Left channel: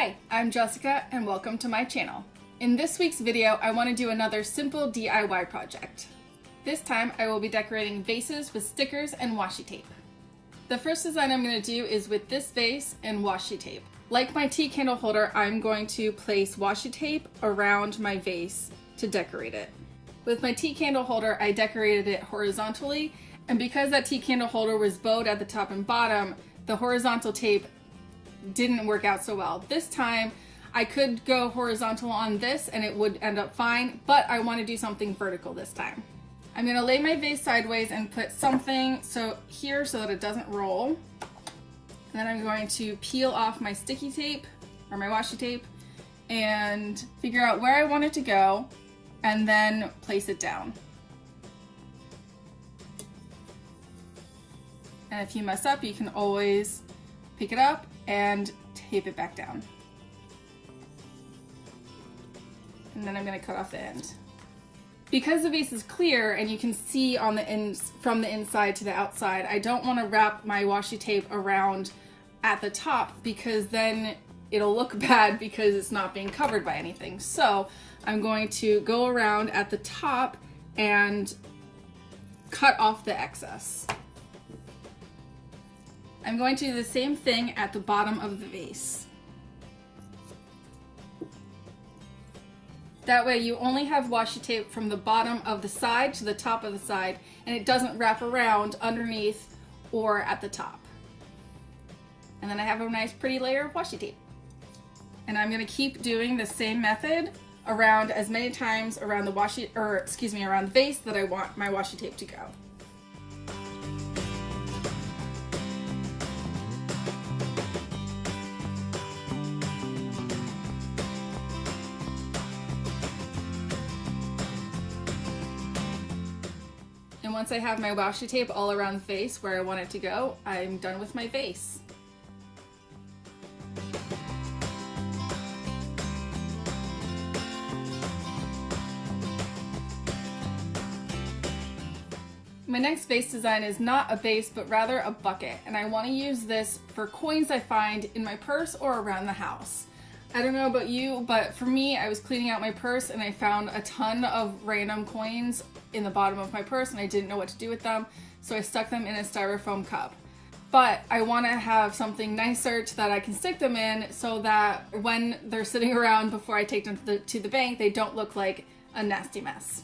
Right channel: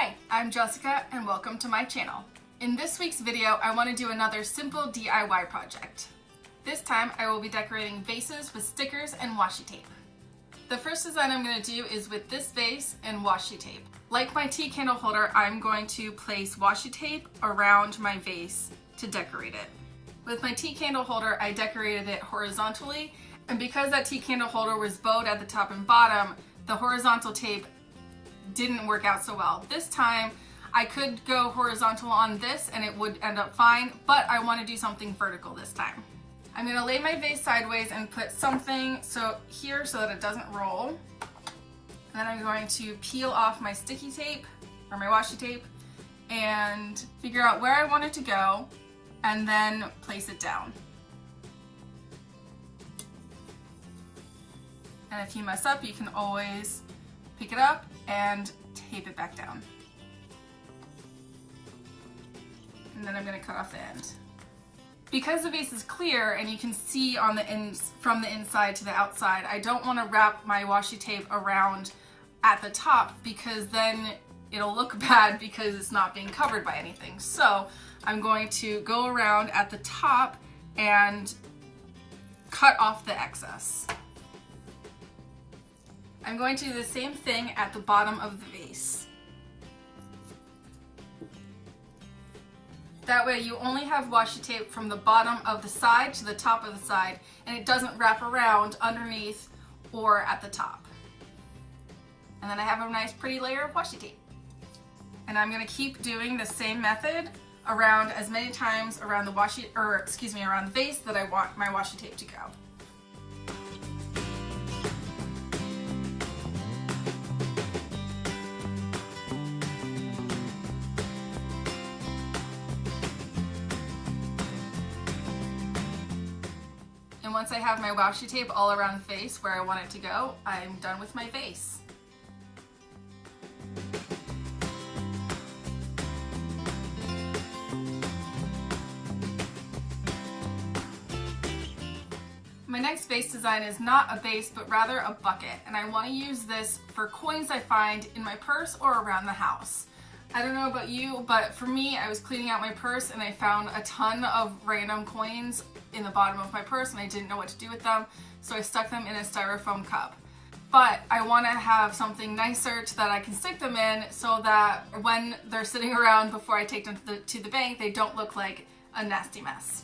Hi, I'm Jessica and welcome to my channel. In this week's video, I want to do another simple DIY project. This time I will be decorating vases with stickers and washi tape. The first design I'm going to do is with this vase and washi tape. Like my tea candle holder, I'm going to place washi tape around my vase to decorate it. With my tea candle holder, I decorated it horizontally, and because that tea candle holder was bowed at the top and bottom, the horizontal tape didn't work out so well. This time I could go horizontal on this and it would end up fine, but I want to do something vertical this time. I'm going to lay my vase sideways and put something here so that it doesn't roll. And then I'm going to peel off my sticky tape or my washi tape and figure out where I want it to go and then place it down. And if you mess up, you can always pick it up and tape it back down. And then I'm going to cut off the end. Because the vase is clear and you can see on from the inside to the outside, I don't want to wrap my washi tape around at the top because then it'll look bad because it's not being covered by anything. So I'm going to go around at the top and cut off the excess. I'm going to do the same thing at the bottom of the vase. That way you only have washi tape from the bottom of the side to the top of the side, and it doesn't wrap around underneath or at the top. And then I have a nice pretty layer of washi tape. And I'm going to keep doing the same method around as many times around the around the vase that I want my washi tape to go. And once I have my washi tape all around the vase where I want it to go, I'm done with my vase. My next vase design is not a vase, but rather a bucket, and I want to use this for coins I find in my purse or around the house. I don't know about you, but for me, I was cleaning out my purse and I found a ton of random coins in the bottom of my purse and I didn't know what to do with them, so I stuck them in a styrofoam cup. But I want to have something nicer that I can stick them in so that when they're sitting around before I take them to the bank, they don't look like a nasty mess.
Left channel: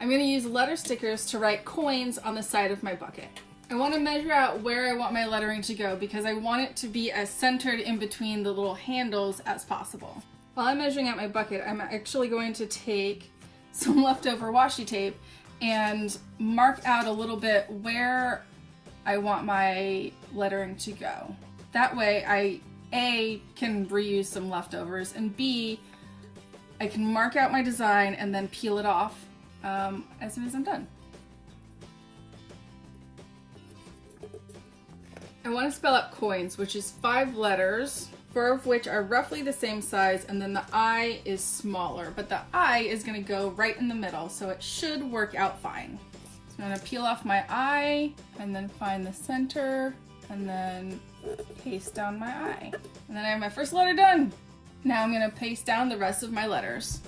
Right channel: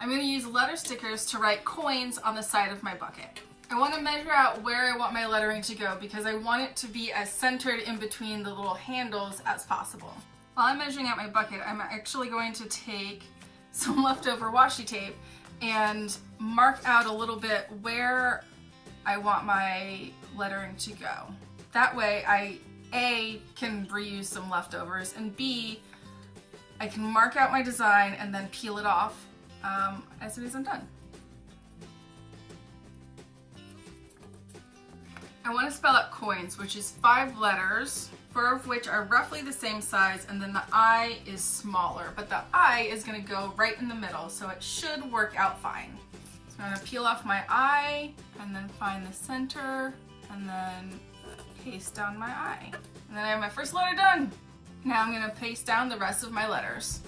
I'm going to use letter stickers to write coins on the side of my bucket. I want to measure out where I want my lettering to go because I want it to be as centered in between the little handles as possible. While I'm measuring out my bucket, I'm actually going to take some leftover washi tape and mark out a little bit where I want my lettering to go. That way I A, can reuse some leftovers, and B, I can mark out my design and then peel it off as soon as I'm done. I want to spell out coins, which is 5 letters, 4 of which are roughly the same size, and then the I is smaller, but the I is going to go right in the middle, so it should work out fine. So I'm going to peel off my I, and then find the center, and then paste down my I. And then I have my first letter done! Now I'm going to paste down the rest of my letters.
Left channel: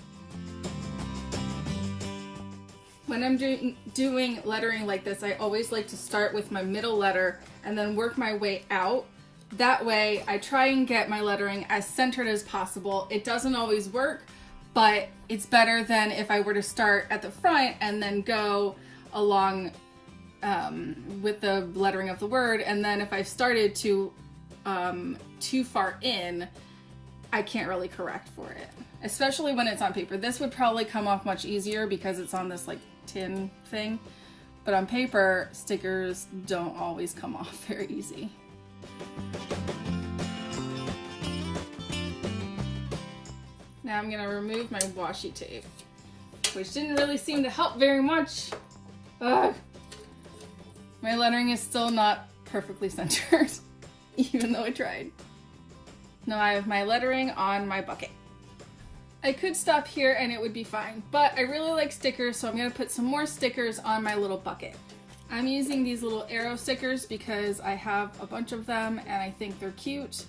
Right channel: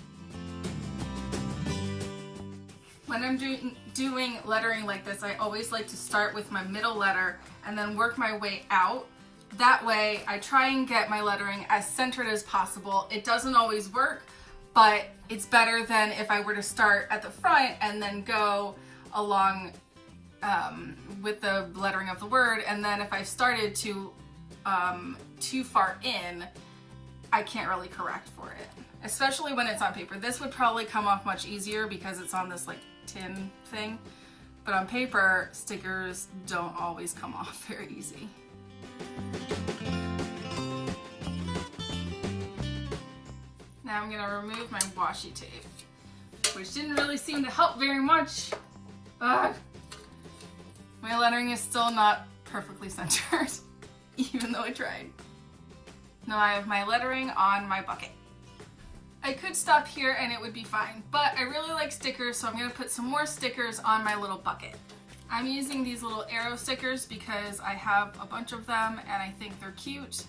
When I'm doing lettering like this, I always like to start with my middle letter and then work my way out. That way, I try and get my lettering as centered as possible. It doesn't always work, but it's better than if I were to start at the front and then go along with the lettering of the word, and then if I started too far in, I can't really correct for it. Especially when it's on paper. This would probably come off much easier because it's on this like tin thing, but on paper, stickers don't always come off very easy. Now I'm going to remove my washi tape, which didn't really seem to help very much. Ugh. My lettering is still not perfectly centered, even though I tried. Now I have my lettering on my bucket. I could stop here and it would be fine, but I really like stickers, so I'm going to put some more stickers on my little bucket. I'm using these little arrow stickers because I have a bunch of them and I think they're cute.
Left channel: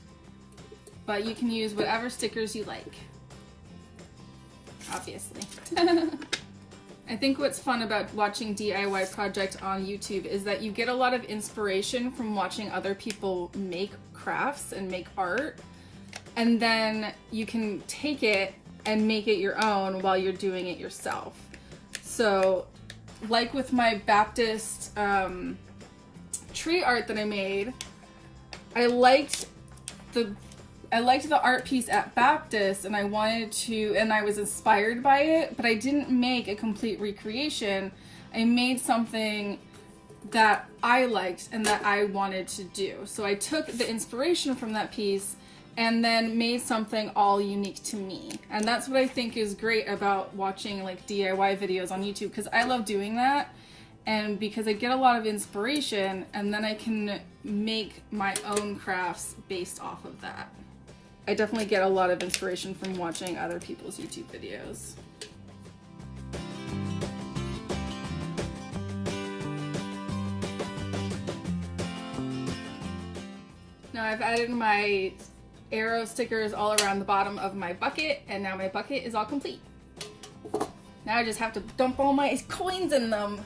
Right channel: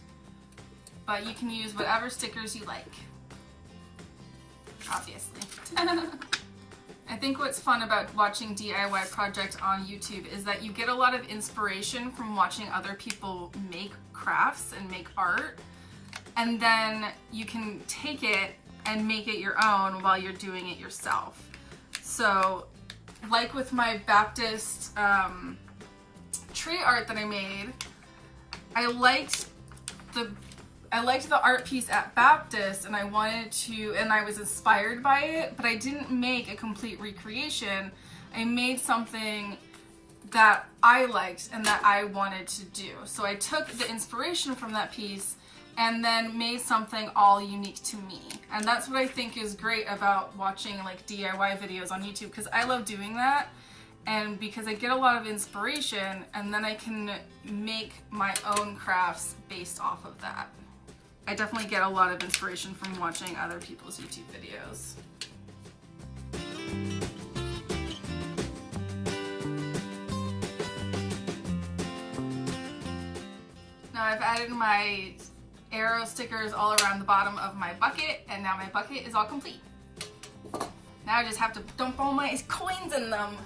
but you can use whatever stickers you like, obviously. I think what's fun about watching DIY projects on YouTube is that you get a lot of inspiration from watching other people make crafts and make art, and then you can take it and make it your own while you're doing it yourself. So, like with my Baptist tree art that I made, I liked the art piece at Baptist, and I was inspired by it, but I didn't make a complete recreation. I made something that I liked and that I wanted to do. So I took the inspiration from that piece and then made something all unique to me. And that's what I think is great about watching like DIY videos on YouTube, because I love doing that, and because I get a lot of inspiration, and then I can make my own crafts based off of that. I definitely get a lot of inspiration from watching other people's YouTube videos. Now I've added my arrow stickers all around the bottom of my bucket, and now my bucket is all complete. Now I just have to dump all my coins in them.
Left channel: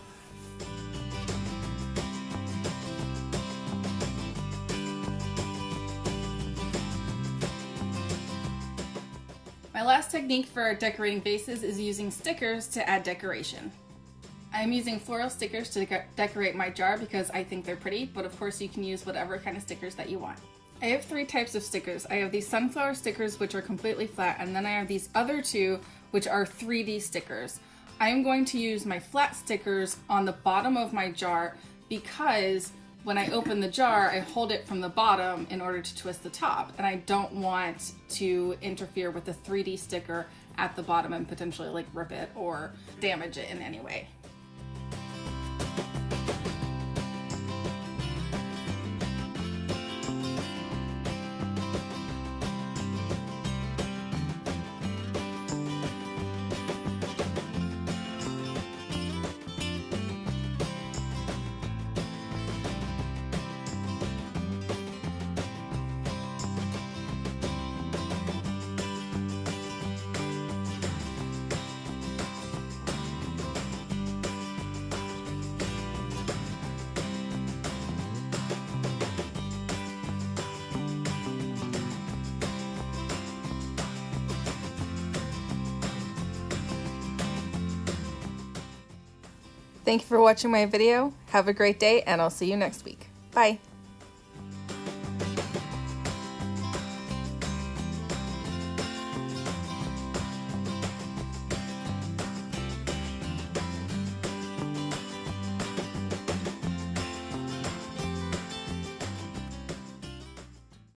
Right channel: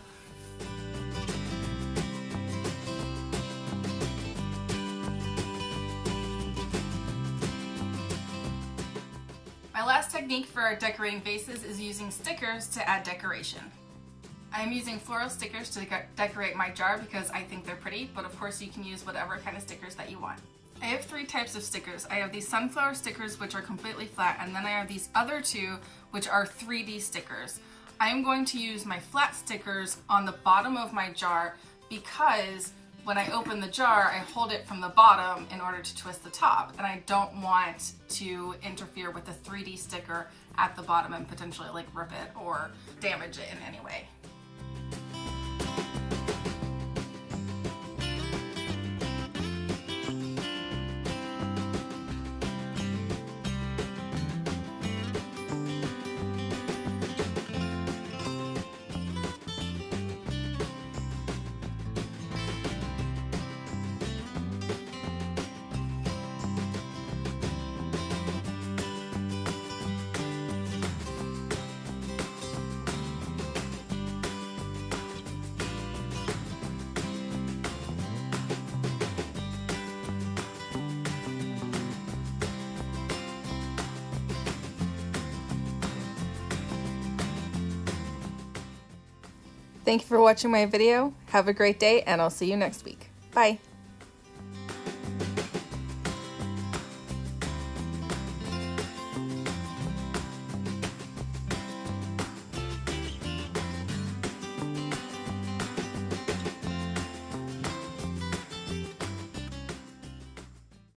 My last technique for decorating vases is using stickers to add decoration. I'm using floral stickers to decorate my jar because I think they're pretty, but of course you can use whatever kind of stickers that you want. I have 3 types of stickers. I have these sunflower stickers, which are completely flat, and then I have these other 2, which are 3D stickers. I'm going to use my flat stickers on the bottom of my jar because when I open the jar, I hold it from the bottom in order to twist the top, and I don't want to interfere with the 3D sticker at the bottom and potentially like rip it or damage it in any way. Thank you for watching my video. Have a great day, and I'll see you next week. Bye.